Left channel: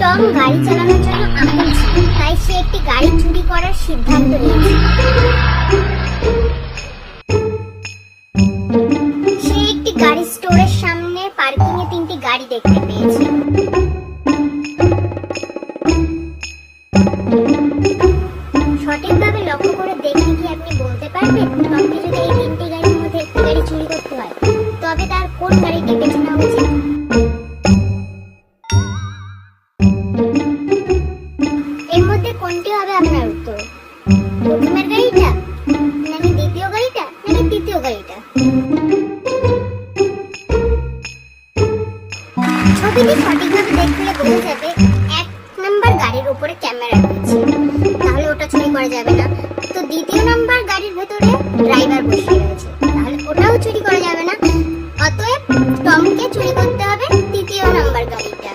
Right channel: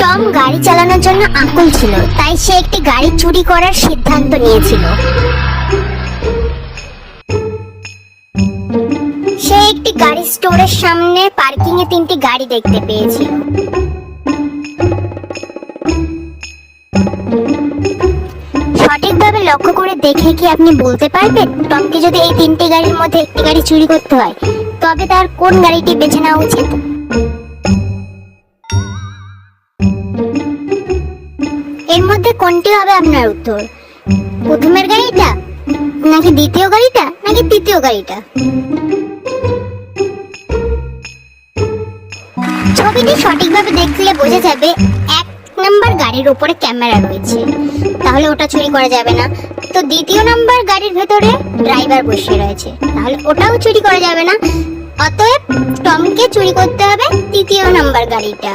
Tom গাড়ি চালানোর জন্য আকুল ছিল, তাই সে একটি গাড়ি চুরি করার সিদ্ধান্ত নিয়েছিল। সে একটি গাড়ি স্টোরের সামনে পার্কিং এ তিনটি গাড়ি দেখতে পেয়েছে। সঠিকভাবে লক্ষ্য করে দেখে কি আপনি বলতে পারবেন টমকে যদি এই তিনটি গাড়ির মধ্যে একটি গাড়ি চুরি করতে হয় তবে তার কোন গাড়িটি বেছে নেওয়া উচিত? এর মধ্যে কোনটি হবে আপনার উত্তর? প্রথমের গাড়িটা, নাকি দ্বিতীয় গাড়িটা, নাকি তৃতীয় গাড়িটা? ছবিটি সঠিকভাবে দেখলে বোঝা যাবে 1 নাম্বার গাড়ির উপরে ক্যামেরা রয়েছে, তাহলে ওটা চুরি করা যাবে না। তো দ্বিতীয় নাম্বার গাড়ির ভেতরে ড্রাইভার বসে রয়েছে, তাহলে ওটাও চুরি করা যাবে না। অতএব টমকে চুরি করতে হবে তৃতীয় নাম্বার গাড়িটা।